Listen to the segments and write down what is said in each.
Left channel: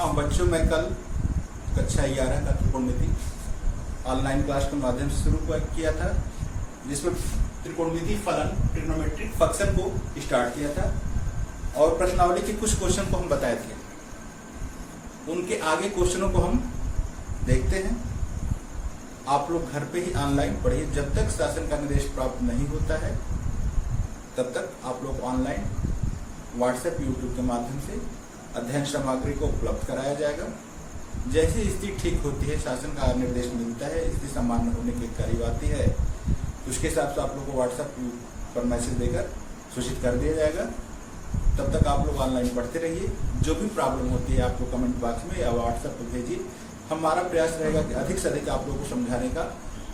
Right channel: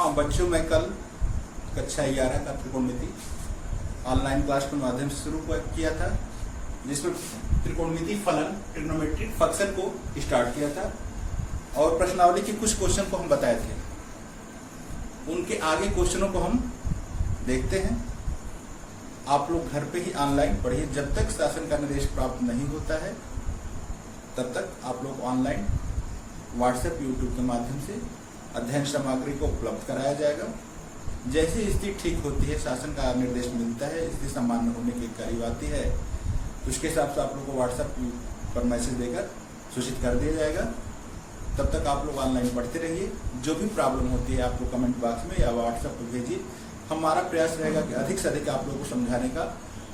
हाँ बच्चों, मैं कल कक्षा 11 का त्रिकोणमिति ऑनलाइन क्लास के माध्यम से शुरू किया था, जिसमें त्रिकोणमिति फलन ट्रिग्नोमेट्रिक फंक्शन को स्टार्ट किया था और प्रश्नावली के कुछ क्वेश्चन को हम बताए थे। उनके आगे क्वेश्चनों को हम देखते हैं। आप लोग घर पे ही ऑनलाइन पढ़िए। जब तक शासन का निर्देश प्राप्त नहीं होता है तब तक आप लोग ऑनलाइन व्हाट्सएप, यूट्यूब के माध्यम से अध्ययन सामग्री को उपलब्ध कराया जाएगा। जैसी स्थिति ठीक होती है, शासन का निर्देश मिलता है, स्थिति सामान्य होने के करीब आती है, उसके हिसाब से आप लोग को व्हाट्सएप पर मैसेज देकर सूचित कर दिया जाएगा। तब तक आप लोग ऑनलाइन पढ़ते रहिए। जो भी प्रॉब्लम होती है आप लोग कमेंट बॉक्स में या व्हाट्सएप पर भेजिए। हमारा प्रयास रहेगा कि अधिक से अधिक आप लोगों को समझाने का,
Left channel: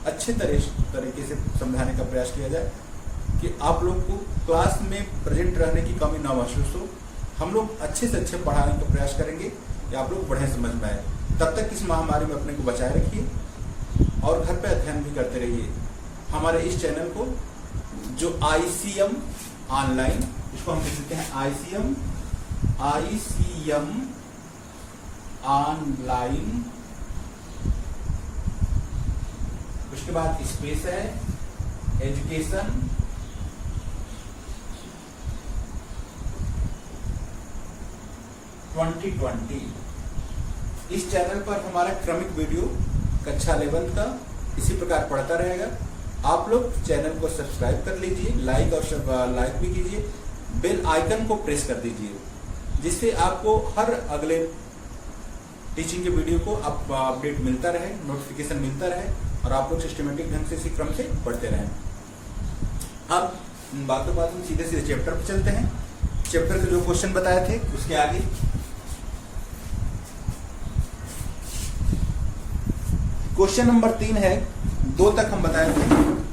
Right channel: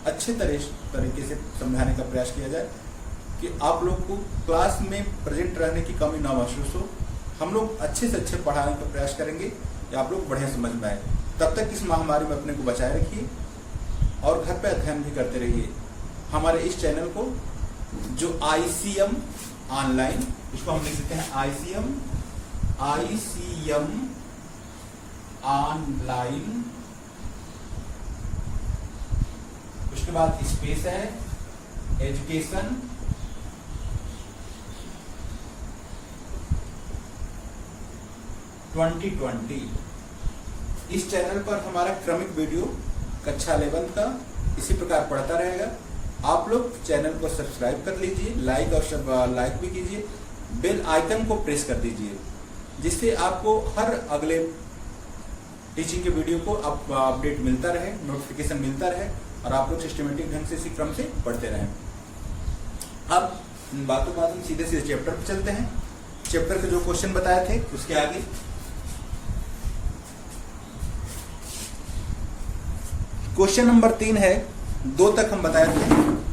अच्छे तरीके से समझाने का प्रयास किया जाए कि आप लोग को क्लास में प्रेजेंट रहने की कमी ना महसूस हो। हम लोग अच्छे से अच्छे पढ़ाने का प्रयास करेंगे कि आप लोग बढ़िया समझ में आए। तब तक इस महामारी में अपने को बचाए रखिए और घर पे अध्ययन भी करते रहिए। हमारे इस चैनल को जो ICM ऑनलाइन, इसको हम लिख सकते हैं ICM ऑनलाइन, उसके बाद स्पेस है एजुकेशन इस चैनल पर हमारा क्रमिक वीडियो कक्षा 11 का इसी प्रकार पढ़ता रहेगा। आप लोग चैनल को सब्सक्राइब कर लीजिए, लाइक भी कीजिए, बेल आइकन को प्रेस कर दीजिए, जिससे आपको हर अगले टीचिंग के वीडियो को अपडेट मिलता रहे, नोटिफिकेशन मिलता रहे और आप लोग सिस्टमेटिक ढंग से इसी क्रम से पढ़ते रहें। अब बातों में सीधे चैप्टर पर चलते हैं। चैप्टर के जो क्वेश्चन बताए थे उसके आगे क्वेश्चन नंबर 3 है, 2 तक हम बताए थे।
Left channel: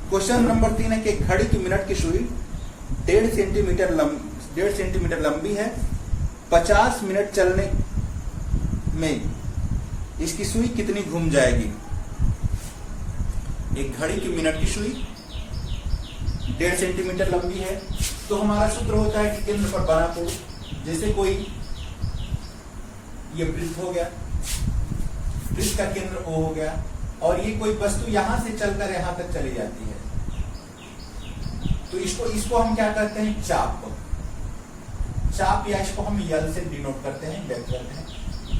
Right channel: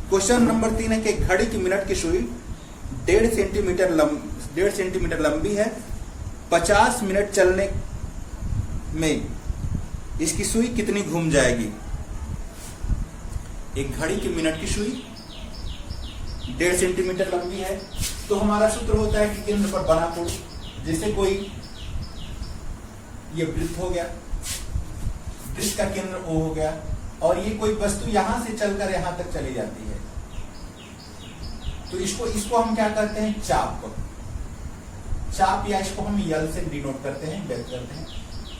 क्वेश्चन नंबर 3 है कि घड़ी की मिनट की सुई 1.5 सेंटीमीटर लंबी है। 50 मिनट चलने में इसकी सुई कितनी घूम जाएगी। एक घड़ी की मिनट की सुई 1.5 सेंटीमीटर लंबी है, तो हमारा सूत्र होता है कि केंद्र पर बना कोण, जैसे कोई ये वृत्त हो गया, वृत्त का केंद्र O हो गया और ये कोई वस्तु यहां से चलकर यहां तक चली जाती है, तो इसको हम क्या कहते हैं, चाप या इसको हम यल से डिनोट करते हैं, व्यक्त करते हैं।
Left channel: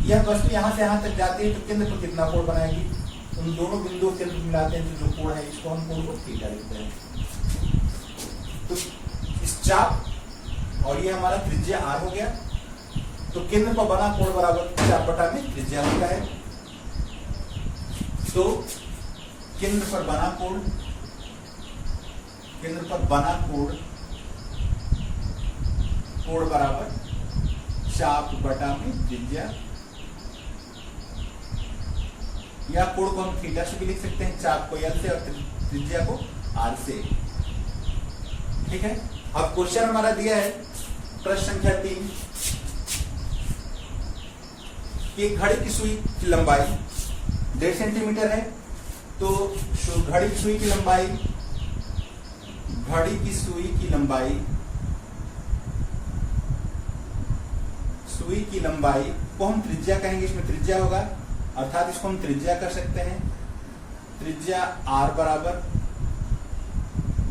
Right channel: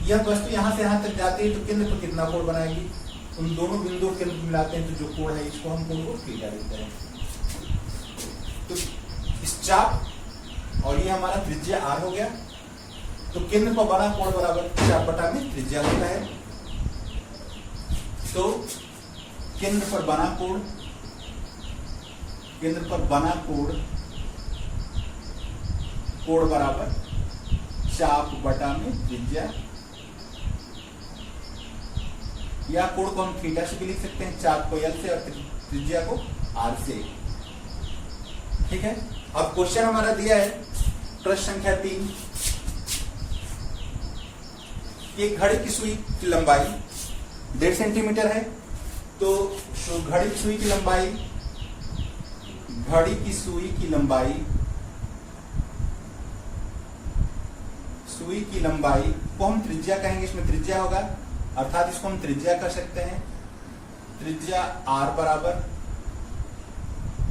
यह वस्तु यहां से यहां तक जाती है तो केंद्र पर कितना कोण बनाएगी। उन दोनों बिंदुओं के मिलाते हैं तो जो कोण है, इसको हम कोण को थीटा देते हैं। तो इस चाप और ये हमारा त्रिज्या R हो गया, तो केंद्र पर बना कोण बराबर चाप बटा में त्रिज्या होता है। तो केंद्र पर बना कोण बराबर चाप बटा में त्रिज्या, या कोण को हम थीटा से भी लिख सकते हैं, चाप को L से और त्रिज्या को R से। ठीक है। अब क्वेश्चन हमारा दिया है प्रश्न संख्या 3 कि घड़ी की सुई की लंबाई 1.5 सेंटीमीटर है, तो घड़ी की सुई की लंबाई को हम त्रिज्या कहेंगे। इसमें त्रिज्या होगा, अर्थात इसको हम त्रिज्या कर सकते हैं। त्रिज्या R बराबर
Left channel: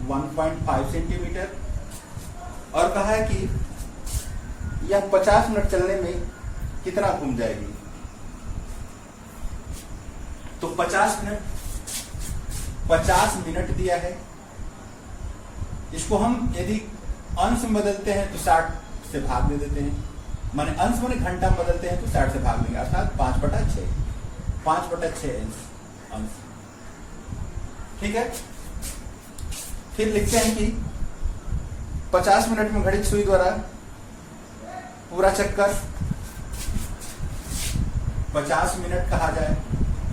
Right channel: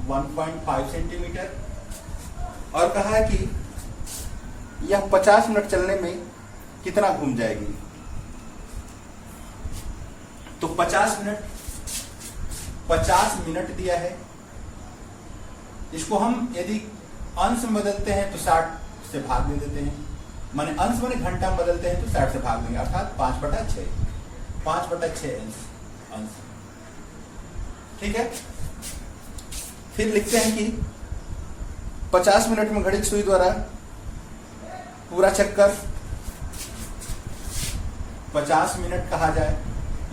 1.5 सेंटीमीटर और कहा है कि यह 50 मिनट चलने में कितना घूम जाएगी। तो 50 मिनट दिया है, इसको हम यदि अंश में बदलते हैं तो 60 से भाग दे देते हैं, माने अंश माने घंटा में बदलते हैं तो 60 से भाग देंगे, अर्थात 5/6 अंश। ठीक है। फिर लिखते हैं कि 50 मिनट में घड़ी की सुई द्वारा पूरा चक्कर 50 मिनट कहा जाए,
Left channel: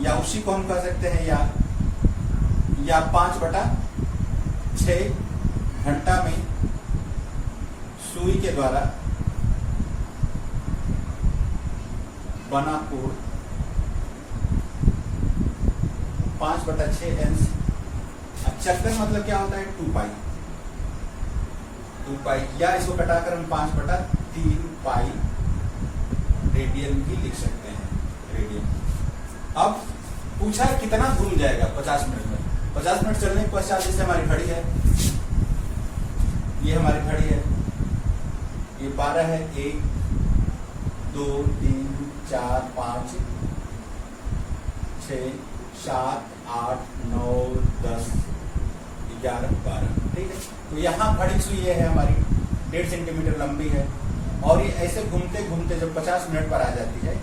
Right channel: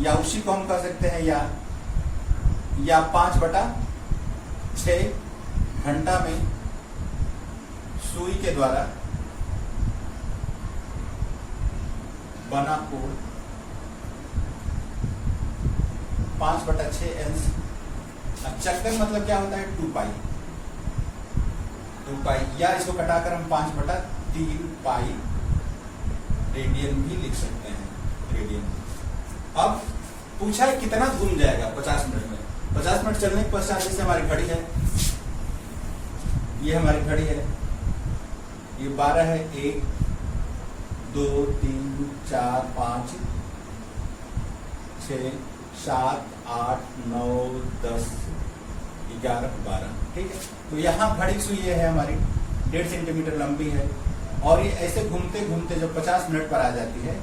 या उसी को हम कह सकते हैं या 5/6 घंटा में सुई के द्वारा बना कोण 5/6 अंश। चक्कर मतलब क्या होता है, 2 पाई, या इसको कटाकर हम 5/3 पाई रेडियन भी लिख सकते हैं, रेडियन। अब पूछा है कितना घूम जाएगा 50 मिनट में। 50 मिनट चलने के पश्चात जैसे हमारी घड़ी है, ये हमारी घड़ी है, ये 12 है, 1 2 3 4 5 6 7 8 9 10 11 12, ठीक है। तो यहाँ घड़ी सुई है हमारी 1.5 सेंटीमीटर लंबी है, और ये ऐसे घूमते घूमते जब 50 मिनट पर आ जाती है,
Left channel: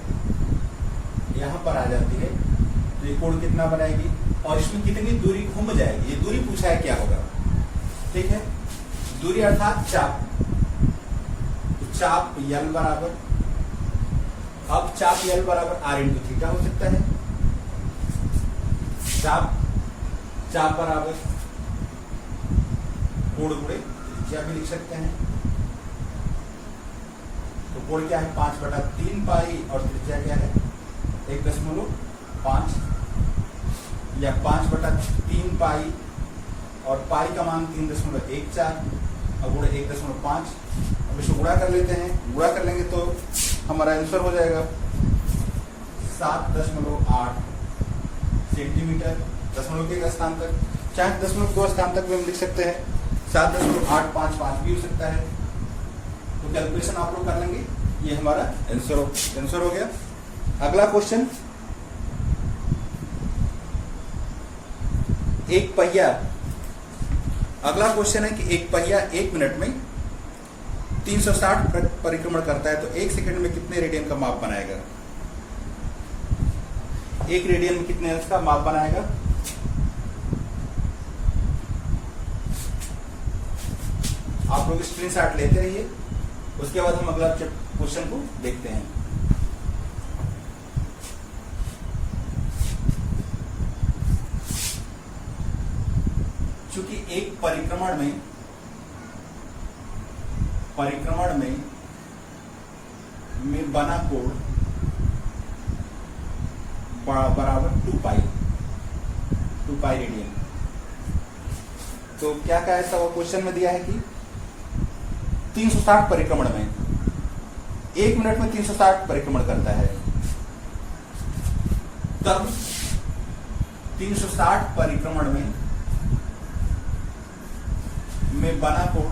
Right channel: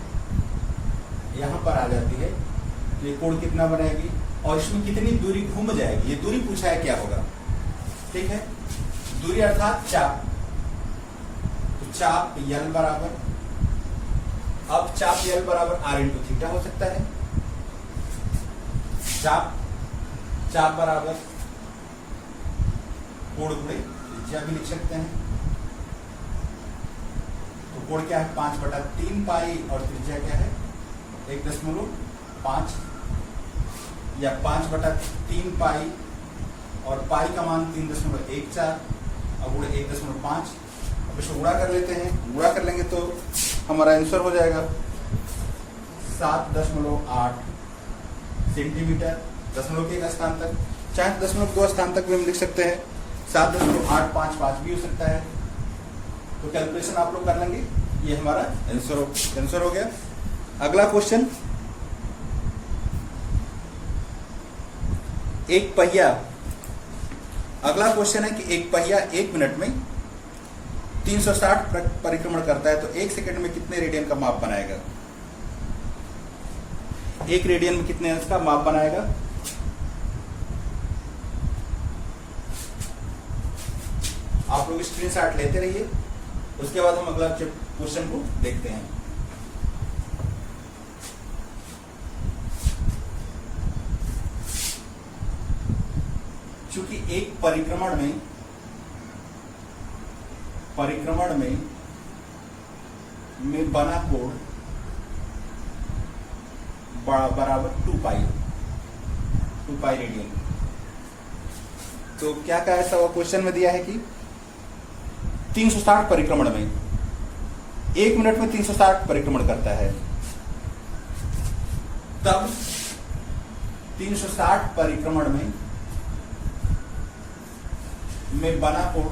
यहाँ पर आ जाती है, तो ये कोण कितना बनाएगी और इसमें कितनी दूरी घूम जाएगी, ये दूरी पूछा है क्या होगा, ठीक है। दूरी अर्थात चाप, तो चाप यल बराबर, अब चाप यल बराबर r इंटू थीटा हो सकता है। चाप बराबर कोण गुणे त्रिज्या भी लिख सकते हैं। तो कोण क्या है 5/3 पाई और त्रिज्या क्या है 1.5 या 5/3 पाई और पाई का मान 3.14 और गुणे 1.5। अब इसको गुणा कर लेते हैं, गुणा कर लेंगे तो हमारा आंसर हो जाएगा 7.8 सेंटीमीटर। दशमलव के एक स्थान तक, चाहे 0.2 स्थान तक भी हम लिख सकते हैं, 7.855 भी हो सकता है। तो कैलकुलेशन आप लोग कर लेंगे, ये हमारा आंसर हो गया। अगला क्वेश्चन, एक पहिया, अगला क्वेश्चन है कि एक पहिया 1 मिनट में 360 परिक्रमण करता है, तो 1 सेकंड में कितने रेडियन का माप बनाएगा? 1 रेडियन में कितने अंश का माप बनाएगा? आप लोग स्क्रीनशॉट लेते रहिए, उसके बाद हम अगला क्वेश्चन को देखते हैं। चूंकि एक परिक्रमण में बना कोण बराबर 2 पाई रेडियन। तो क्या कहा ऐसा वो क्वेश्चन में दिया है कि 360 परिक्रमण में 1 मिनट में 360 परिक्रमण करता है, तब 360 परिक्रमण में बना कोण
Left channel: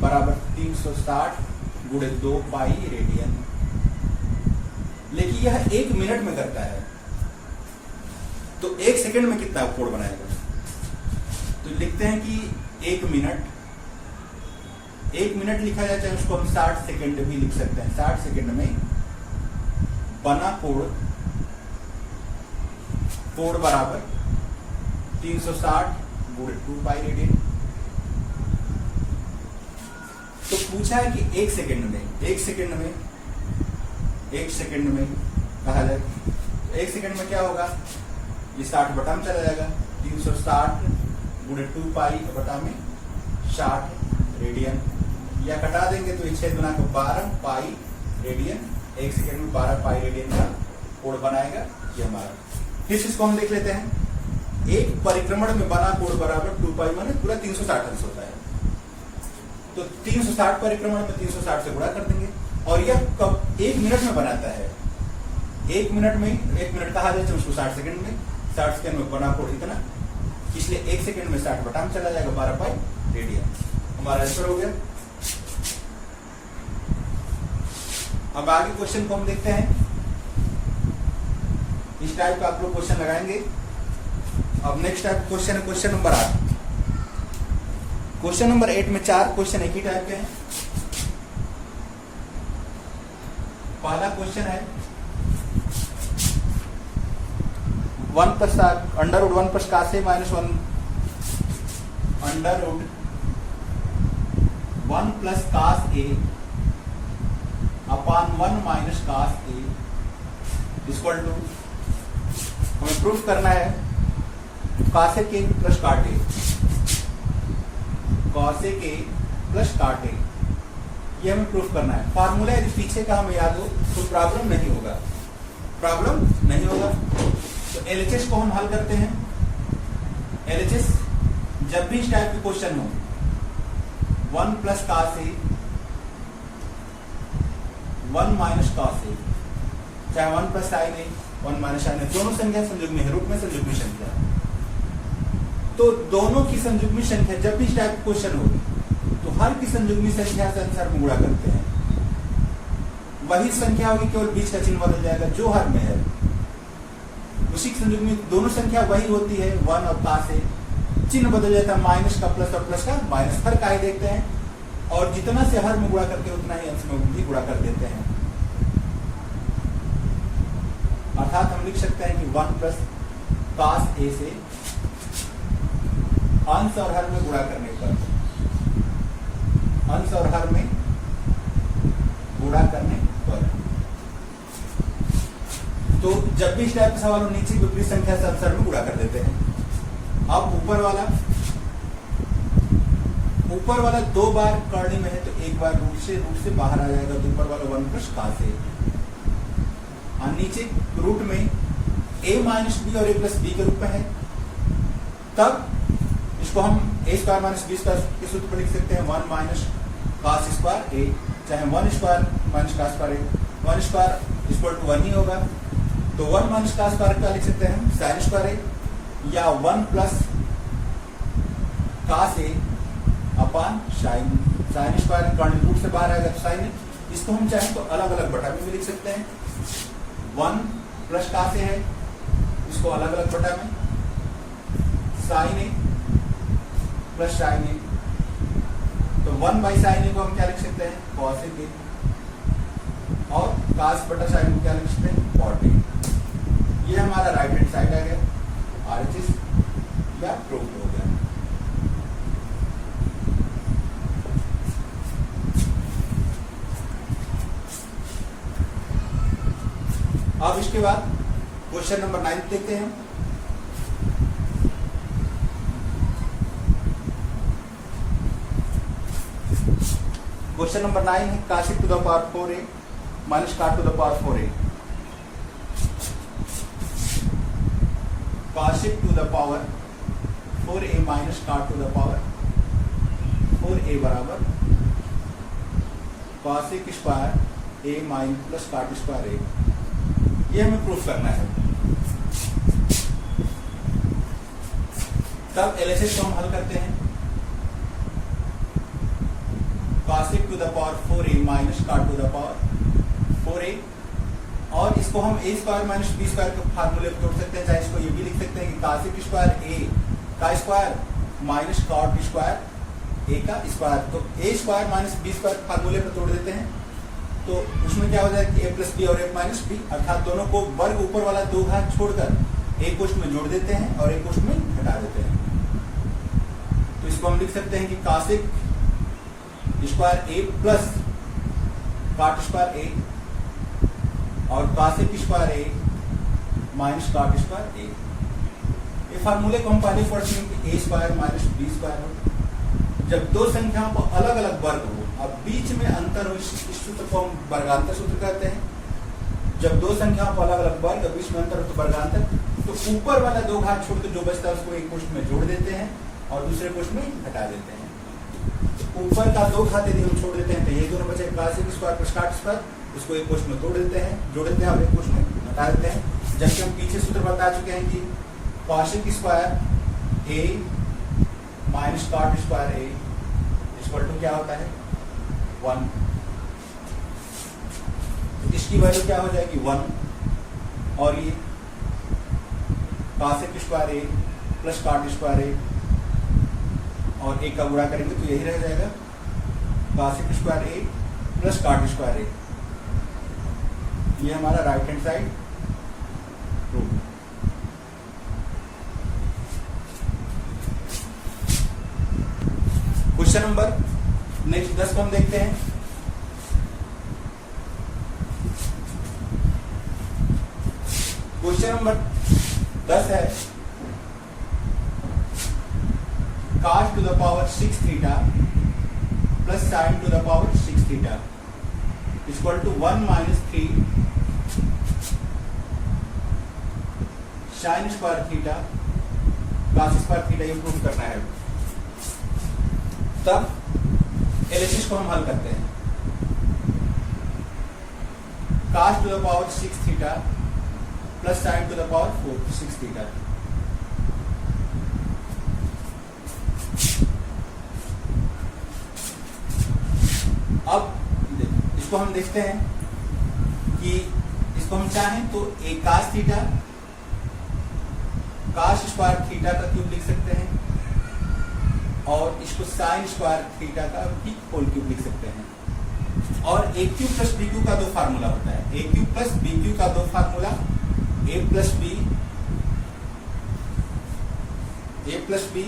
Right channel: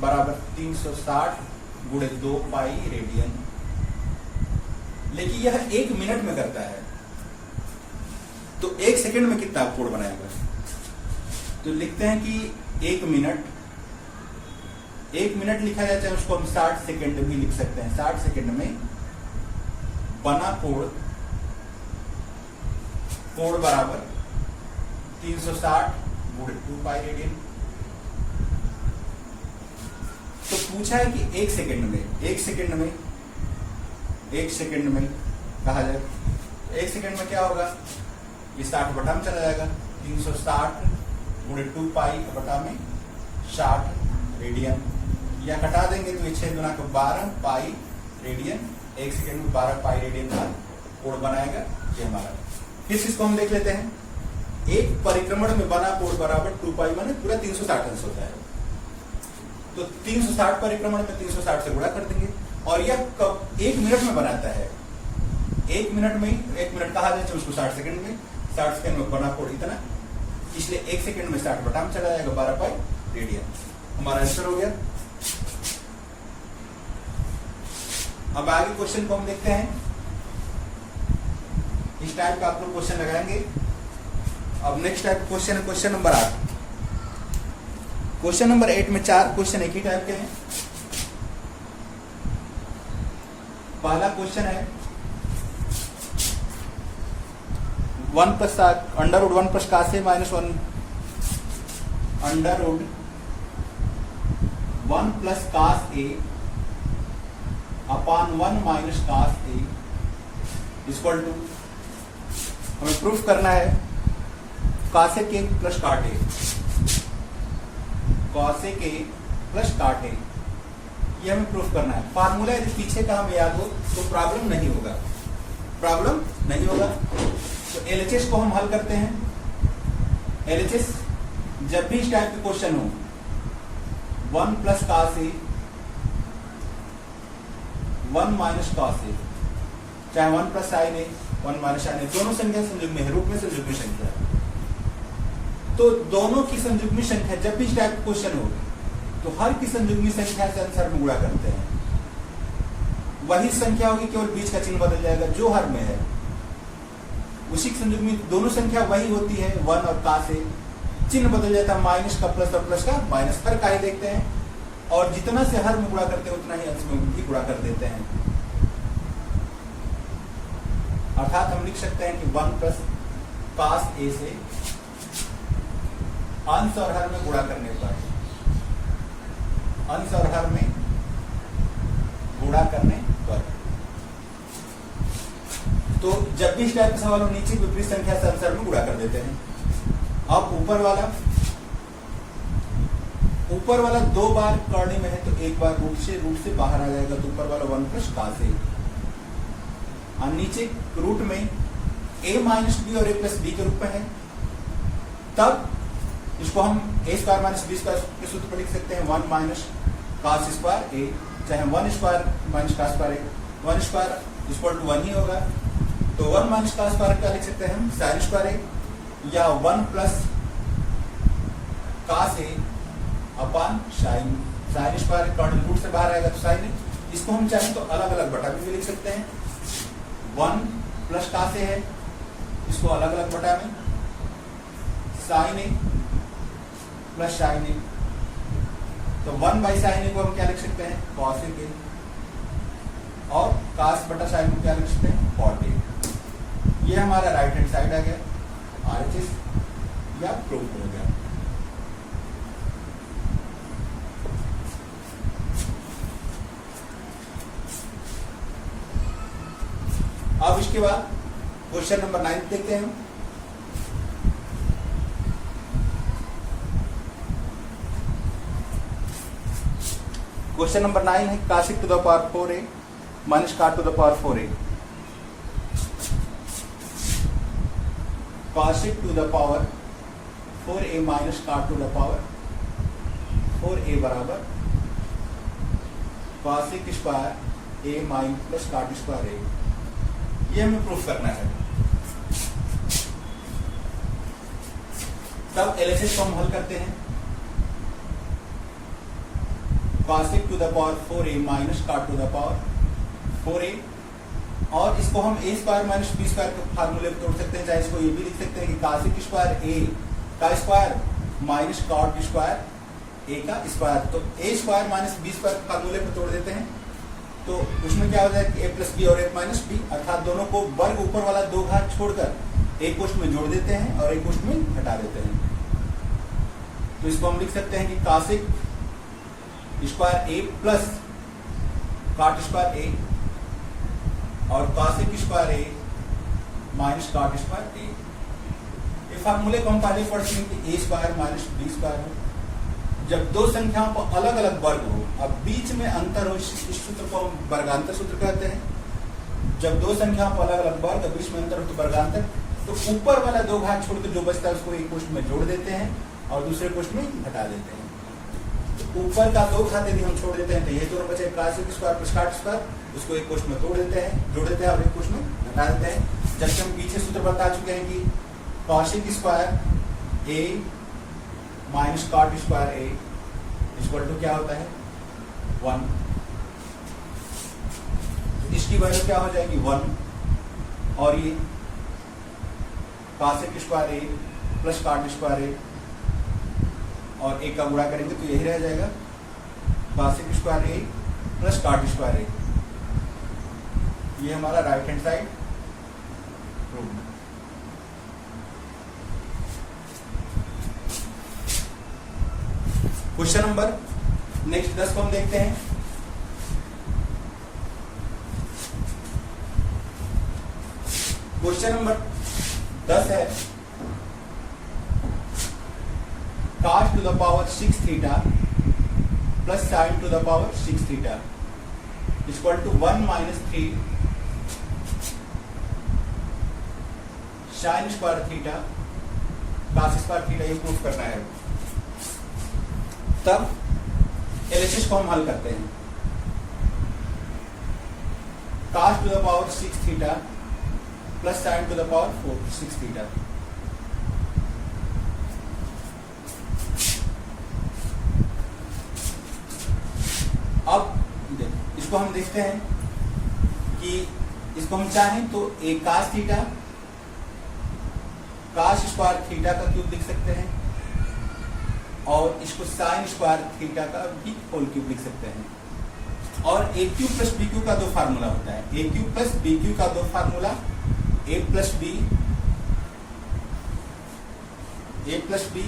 बराबर 360 गुणे 2 पाई रेडियन। लेकिन यह 1 मिनट में करता है, तो 1 सेकंड में कितना कोण बनाएगा? तो लिखते हैं कि 1 मिनट लिखा जाता है, उसको हम 60 सेकंड भी लिख सकते हैं। 60 सेकंड में बना कोण बराबर 360 गुणे 2 पाई रेडियन। तो पूछा है कि 1 सेकंड में कहा जाए, 1 सेकंड में क्या होगा? ये 60 बटा में चला जाएगा, 360 गुणे 2 पाई बटा में 60 रेडियन, या कटा देंगे तो ये 6 गुना 12 पाई रेडियन। 1 सेकंड में 12 पाई रेडियन का कोण बनाएगा, ये हमारा। फिर इसको हम देख लेते हैं। एक परिक्रमण में बना कोण बराबर 2 पाई माने पूरा 360 अंश होता है, तो 360 परिक्रमण में 360 से गुणा कर देंगे, और यह कब 1 मिनट में बनाता है? 1 मिनट कहा जाए तो उसको 60 सेकंड में, 60 सेकंड में बना कोण इतना, इसलिए 1 सेकंड में 60 बटा में चला जाएगा 12 पाई रेडियन। हमारा आंसर हो गया। अब आगे क्वेश्चन को हम देखते हैं। इस टाइप का आप लोग क्वेश्चन लगाएंगे। अब नेक्स्ट टाइप क्वेश्चन है क्वेश्चन नंबर 8। क्वेश्चन नंबर 8 में 4 क्वेश्चन एक ही टाइप के हैं। पहला क्वेश्चन है 1 plus under root 1 plus cos A minus 1 under root 1 plus cos A upon 1 minus cos A equal to, हमें प्रूफ करना है कासे के प्लस काट ए, कॉसे के प्लस काट ए, ये हमें प्रूफ करना है। फार्मूला यदि पीछे का हमें याद हो तो प्रॉब्लम नहीं होगा। तो एलएचएस को हम हल करते हैं। एलएचएस जब भी इस टाइप के क्वेश्चन हो, 1 प्लस कास ए 1 माइनस कास ए, चाहे 1 प्लस साइन ए 1 माइनस साइन ए, दोनों संख्या संयुग्मी है, रूप में संयुग्मी संख्या। तो दोनों की संयुग्मी संख्या जब भी इस टाइप क्वेश्चन हो तो हर की संयुग्मी संख्या से आंसर में गुणा करते हैं। वही संख्या होगी, केवल बीच का चिन्ह बदल जाएगा जो हर में है, उसी की संयुग्मी दोनों संख्या वही होती है 1 और का से चिन्ह बदल जाता है, माइनस का प्लस और प्लस का माइनस, हर का ही देखते हैं और जितना से हर में गुणा करते हैं उतना ही अंश में भी गुणा कर देते हैं। अर्थात हम लिख सकते हैं कि 1 प्लस कास ए से अंश और हर में गुणा करने पर, अंश और हर में गुणा करने पर, तो जब भी इस टाइप का सवाल हो नीचे विपरीत संख्या से आंसर में गुणा कर देते हैं। अब ऊपर वाला 2 बार करनी में है तो एक बार रूट से बाहर आ जाएगा, तो ऊपर वाला 1 प्लस का से, और नीचे रूट में a माइनस बी और a प्लस बी के रूप में है, तब इसको हम a square minus B square के सूत्र पर लिख सकते हैं 1 माइनस कास स्क्वायर a, चाहे 1 स्क्वायर माइनस का square a, 1 square equal to 1 ही होगा, तो 1 माइनस का स्क्वायर क्या लिख सकते हैं हम साइन स्क्वायर a, या 1 plus cos a upon sine square, कर्ण रूट से बाहर आएगा तो साइन a। इसको हम चाहे तो अलग अलग बटा में भी लिख सकते हैं, 1 प्लस का से है, इसको अलग अलग बटा में साइन ए प्लस साइन ए, तो 1 बाई साइन ए को हम क्या लिख सकते हैं कॉसेक ए, और कास बटा साइन को क्या लिख सकते हैं कॉट ए। ये हमारा राइट हैंड साइड आ गया, RHS या प्रूफ हो गया। अब इसके बाद क्वेश्चन नंबर 9 देखते हैं। क्वेश्चन नंबर 9 है cosec to the power 4a minus cot to the power 4a। Cosec to the power 4a minus cot to the power 4a बराबर cosec square a minus plus cot square a। ये हमें proof करना है। तब LHS को हम हल करते हैं, cosec to the power 4a minus cot to the power 4a, और इसको हम a square minus B square के फार्मूले में तोड़ सकते हैं, चाहे इसको ये भी लिख सकते हैं कि काशिक स्क्वायर a का square minus cot square a का स्क्वायर, तो a square minus B square के फार्मूले में तोड़ देते हैं, तो उसमें क्या हो जाएगा कि a प्लस बी और a माइनस बी, अर्थात दोनों को वर्ग ऊपर वाला 2 घात छोड़कर एक कोष्ठ में जोड़ देते हैं और एक कोष्ठ में घटा देते हैं। तो इसको हम लिख सकते हैं कि cosec square a plus cot square a और cosec square a minus cot square a। ये फार्मूले को हम पहले पढ़ चुके हैं कि a square minus B square हो, जब 2 संख्याओं को अलग अलग वर्ग हो, अब बीच में अंतर हो, इस सूत्र को हम वर्गांतर सूत्र कहते हैं। जब 2 संख्याओं को अलग अलग वर्ग, बीच में अंतर हो तो वर्गांतर, तो ऊपर वाला 2 घात छोड़कर जो बचता है उसको एक कोष्ठ में जोड़ देते हैं और दूसरे कोष्ठ में घटा देते हैं। तो ऊपर का 2 घात यदि हम छोड़ देते हैं तो ये दोनों बचे काशिक स्क्वायर प्लस काट स्क्वायर, उसको एक कोष्ठ में तोड़ देते हैं, जोड़ देते हैं और एक कोष्ठ में घटा देते हैं। जबकि हम पीछे सूत्र बता चुके हैं कि cosec square a minus cot square a equal to क्या होता है 1, तो इसकी वैल्यू क्या हो जाएगी 1, और ये cosec square a plus cot square a और 1 का गुणा करेंगे तो यही रह जाएगा cosec square a plus cot square a। ये हमारा right hand side proof. Question number next 10 को हम देखते हैं। क्वेश्चन नंबर 10 है cos to the power 6 theta plus sine to the power 6 theta equal to 1 minus 3 sine square theta cos square theta improve करना है। तब एलएचएस को हम हल करते हैं। cos to the power 6 theta plus sin to the power 6 theta। अब इसको हम देखते हैं कि इसको हम चाहें तो एक cos theta cos square theta का क्यूब लिख सकते हैं और इसको sin स्क्वायर थीटा का भी होल क्यूब लिख सकते हैं। और A cube plus B cube का दो फार्मूला होता है, A cube plus B cube का दो formula A plus B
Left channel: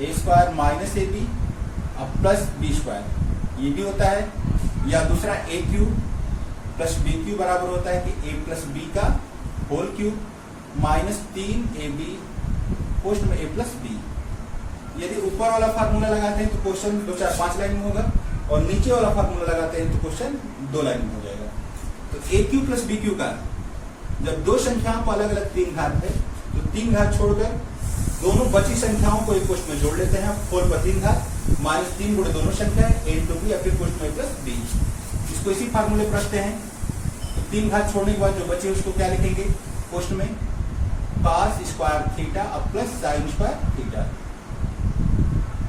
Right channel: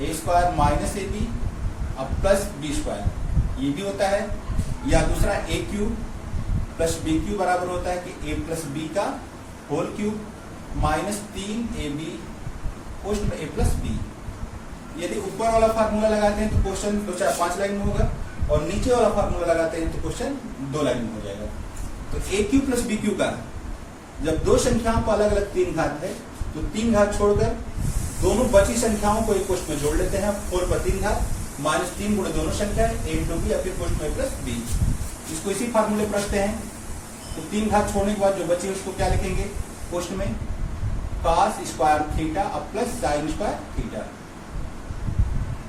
A square minus A B अब प्लस बी स्क्वायर ये भी होता है, या दूसरा A cube plus B cube बराबर होता है कि ए प्लस बी का होल क्यूब माइनस 3ab पोस्ट में ए प्लस बी। यदि ऊपर वाला फार्मूला लगाते हैं तो क्वेश्चन 2-4-5 लाइन में होगा और नीचे वाला फार्मूला लगाते हैं तो क्वेश्चन 2 लाइन में हो जाएगा। तो ए क्यू प्लस बी क्यू का जब दो संख्याओं को अलग अलग 3 घात है तो 3 घात छोड़कर दोनों बची संख्याओं को एक पोस्ट में जोड़ लेते हैं, 4 पर 3 घात माइनस 3 गुणे दोनों संख्या ए इंटू बी या फिर पोस्ट में प्लस बी। इसको इसी फार्मूले पर रखते हैं तो 3 घात छोड़ने के बाद जो बचे उसको क्या लिखेंगे पोस्ट में cos स्क्वायर थीटा अब प्लस sin square theta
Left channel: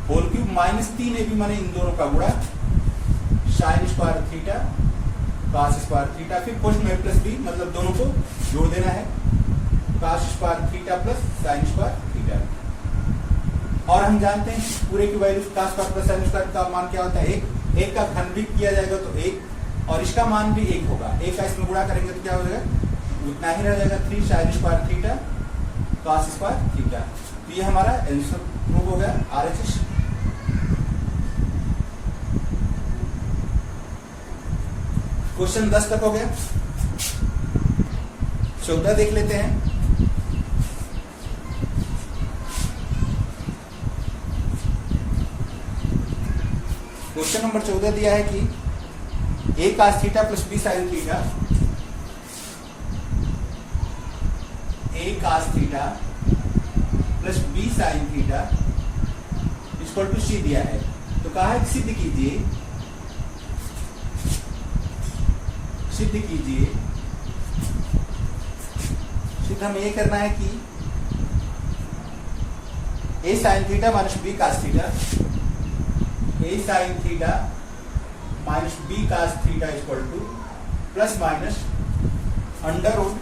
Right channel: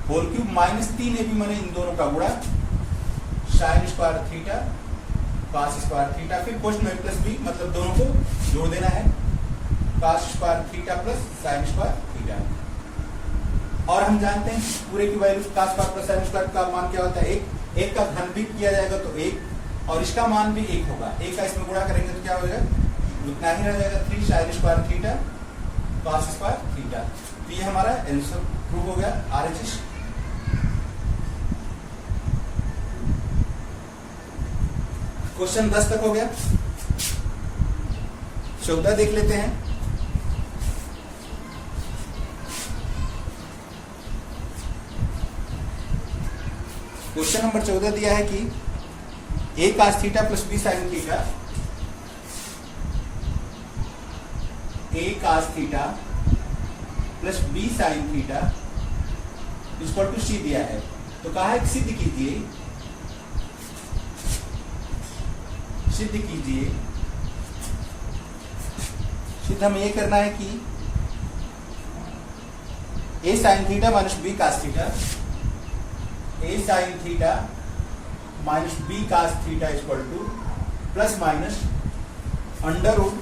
whole cube minus 3ab माने इन दोनों का गुणा sin square theta cos square theta फिर पोस्ट में प्लस बी मतलब दोनों को जोड़ देना है cos square theta plus sin square theta. और हम जानते हैं पूरे की value cos square plus sin square का मान क्या होता है, एक का घन भी किया जाएगा तो 1 और इसका मान भी 1 होगा, 1 का इसमें गुणा करेंगे तो क्या हो जाएगा उतना ही रह जाएगा 3 sin square theta cos square theta. ये हमारा आंसर प्रूव हो गया RHS। क्वेश्चन 10 तक हो गया, 14 देख लेते हैं। क्वेश्चन नंबर 14 दिया है कि a cos theta plus b sin theta, a cos theta plus b sin theta equal to c दिया है। तो कहा है सिद्ध कीजिए सिद्ध हमें ये करना है कि a sin theta minus b cos theta, a sin theta minus b cos theta equal to plus minus under root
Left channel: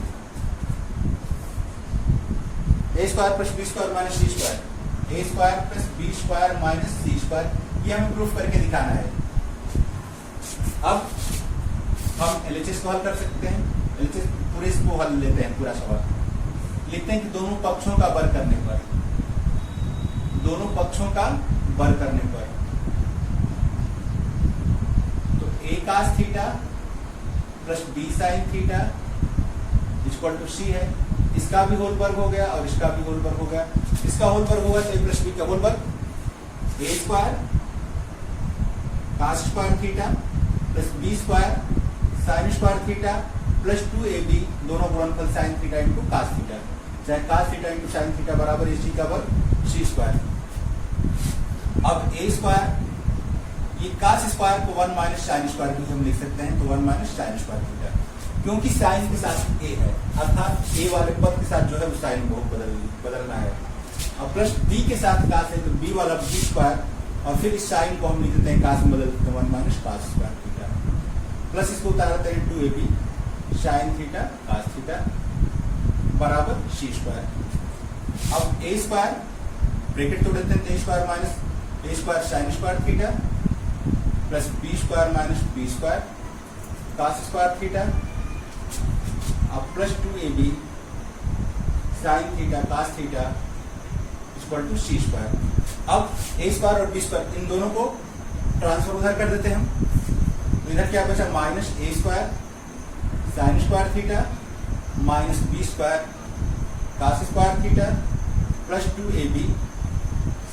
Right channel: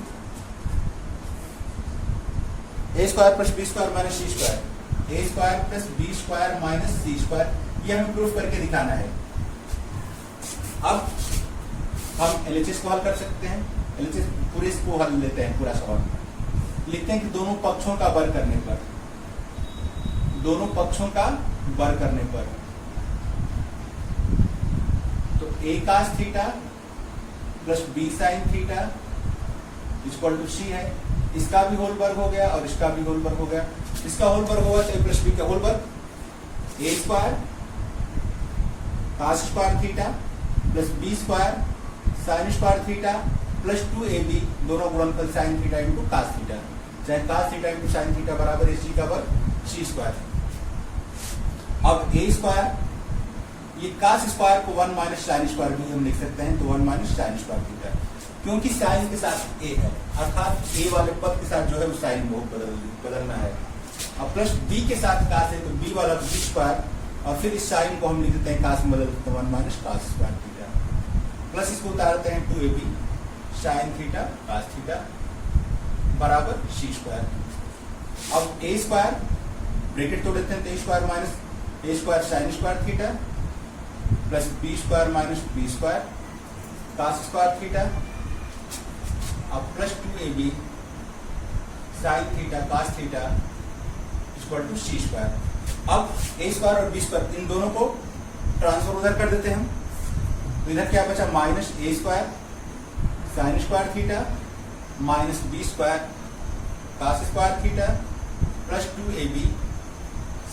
A square plus B square minus C square, A square plus B square minus C square, ये हमें proof करके दिखाना है। अब हम LHS को हल कर सकते हैं, एलएचएस पूरे इसको हल लेते हैं, पूरा सवाल लिखते हैं कि दोनों पक्षों का वर्ग करने पर, दोनों पक्षों का वर्ग करने पर तो a cos theta plus b sin theta equal to c है, इसका भी होल वर्ग हो गया और इसका भी होल वर्ग हो गया। इसका होल वर्ग होगा तो a प्लस बी का होल वर्ग a square cos square theta plus b square sin square theta plus 2ab दोनों गुणनफल sin theta into cos theta, चाहे cos theta into sin theta बराबर है c का वर्ग c स्क्वायर। अब a स्क्वायर ये cos स्क्वायर को 1 माइनस sin स्क्वायर भी हम लिख सकते हैं, तो 1 माइनस sin स्क्वायर थीटा क्योंकि साइन के साथ a है अर्थात a वाले पद के साथ जो है साइन बहुत बदलना है। अब प्लस b के साथ cos है तो b वाला b स्क्वायर और फिर इस साइन को हम लिख देते हैं cos में बदल देते हैं 1 minus cos square theta plus इसको उतार देते हैं 2ab sin theta cos theta बराबर c स्क्वायर। अब a स्क्वायर ब्रैकेट तोड़ देते हैं, a square minus a square sin square theta plus b square minus b square cos square theta अब plus 2ab sin theta cos theta equal to c square. अब a square और b square इन दोनों को transfer उधर कर देते हैं हम, तो इधर क्या बचा minus a square sin square theta minus b square cos square theta plus 2ab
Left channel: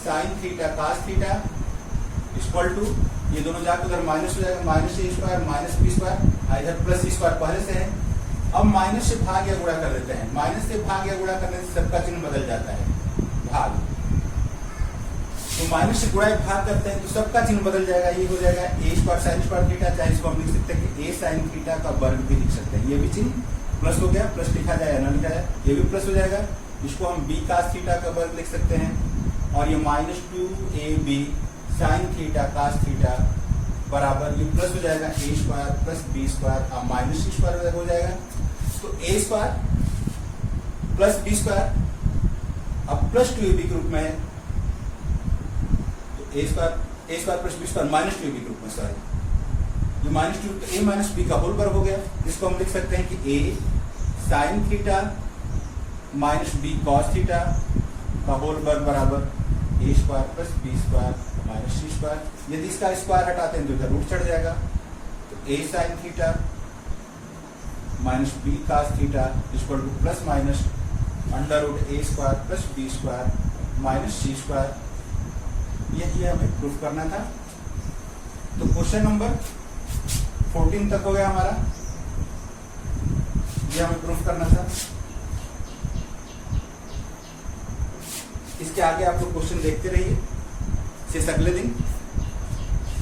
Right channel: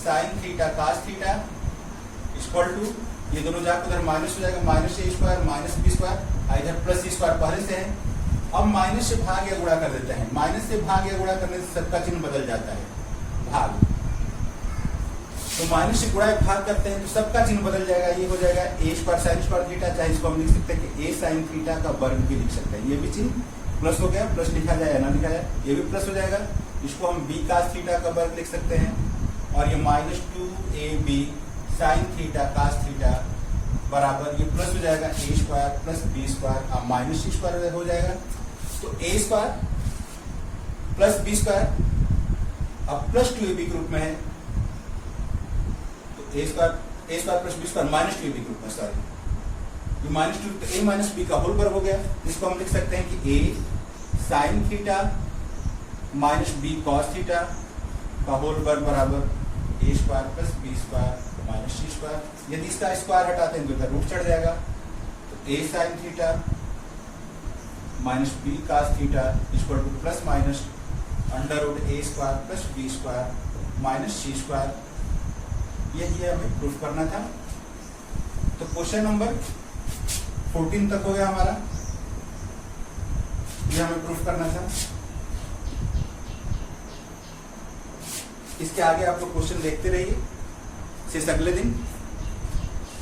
sin theta cos theta equal to ये दोनों जाकर उधर माइनस हो जाएगा, minus a square minus b square, इधर प्लस c स्क्वायर पहले से है। अब माइनस से भाग या गुणा कर देते हैं, माइनस से भाग या गुणा करने से सबका चिन्ह बदल जाता है, भाग तो माइनस से गुणा एक भाग करते हैं तो सबका चिन्ह बदल जाएगा, ये हो जाएगा A square sine square theta, चाहे इसको हम लिख सकते हैं कि ए साइन थीटा का वर्ग भी लिख सकते हैं। ये भी चिन्ह प्लस हो गया, प्लस लिखा जाए या ना लिखा जाए, ये भी प्लस हो जाएगा। इसको हम बी कास थीटा का वर्ग लिख सकते हैं। और ये -2ab sine theta cos theta बराबर ये प्लस हो जाएगा A square plus B square, अब माइनस सी स्क्वायर हो जाएगा। तो A square plus B square अब प्लस 2ab के रूप में है, तो A square plus B square -2ab के रूप में, सॉरी ये -2 तो a माइनस बी का होल वर्ग हो गया। इसको हम लिख सकते हैं कि a sine theta minus B cos theta का होल वर्ग बराबर a square plus B square minus C square. यदि इसका स्क्वायर हटाते हैं तो इधर रूट चढ़ जाएगा, तो a sine theta minus B cos theta equal to plus minus under root a square plus B square minus C square. यही हमें प्रूफ करना था। तो क्वेश्चन नंबर 14 तक हो गया हमारा, ये हमें प्रूफ करना था। इसके आगे आप लोग क्वेश्चन देखते रहिए फिर अगले दिन।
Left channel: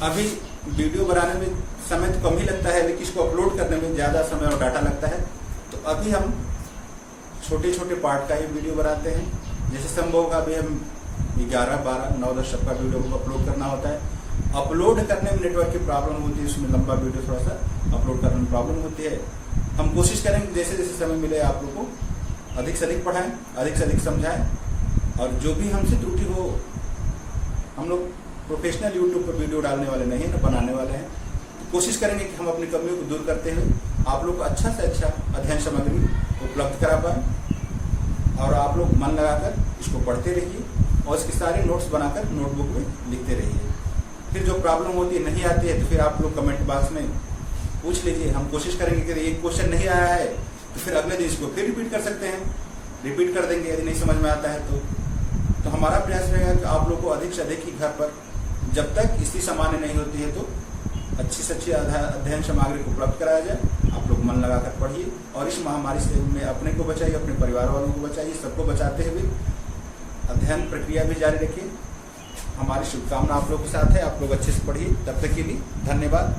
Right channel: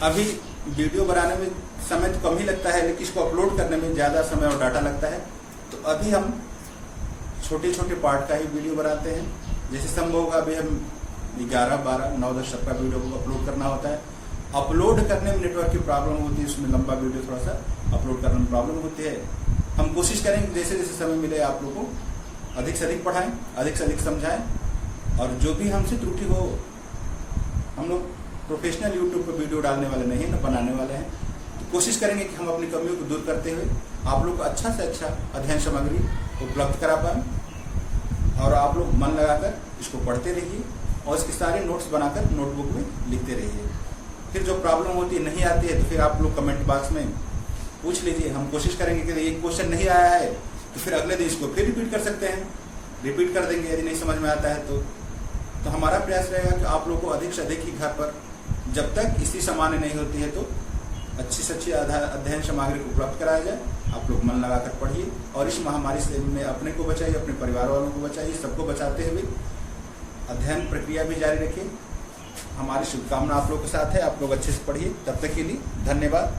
अभी वीडियो बनाने में समय तो कम ही लगता है, लेकिन इसको अपलोड करने में ज्यादा समय और डाटा लगता है। तो अभी हम छोटे छोटे पार्ट का ही वीडियो बनाते हैं, जैसे संभव होगा। अभी हम 11, 12, 9, 10 सबका वीडियो को अपलोड करना होता है। अपलोड करने में नेटवर्क की प्रॉब्लम होती है, उसमें लंबा वीडियो थोड़ा सा अपलोड करने में प्रॉब्लम होती है। हम कोशिश करेंगे जैसे जैसे समय मिले आप लोगों को अधिक से अधिक पढ़ाएं, अधिक से अधिक समझाएं, और जो भी हमसे त्रुटि हो, हम लोग प्रोफेशनल यूट्यूब पर वीडियो डालने वाले नहीं है, न बनाने वाले हैं। तो कोशिश करेंगे कि हम अपनी कमियों को दूर करते हुए आप लोग को अच्छा से अच्छा अध्ययन सामग्री उपलब्ध करा पाएं, और आप लोग मन लगाकर इसको पढ़ते रहिए और इसके सारे नोट्स बनाकर नोटबुक में लिखते रहिए। फिर जो प्रॉब्लम होती है, नहीं आती है, तो फिर आप लोग कमेंट बॉक्स में पूछ लीजिए। हम कोशिश करेंगे कि एक क्वेश्चन नहीं आया है तो फिर अगले दिन इसको फिर रिपीट कर सकते हैं, रिपीट कर देंगे यदि नहीं समझ में आता है तो हमारा प्रयास रहेगा कि आप लोग को अधिक से अधिक ही घर पर, जब तक स्थिति सामान्य नहीं होती है, तो अच्छी से अच्छी अध्ययन सामग्री को उपलब्ध कराया जाए। आप लोग मन लगाकर पढ़िए और इस महामारी से में अपने को बचाइए, अपने परिवार वालों को बचाइए, सबको बचाते हुए अध्ययन प्रक्रिया भी जारी रखिए। हमारी शुभकामना आप लोग के साथ है। आप लोग अच्छे से पढ़िए। तब तक के लिए धन्यवाद।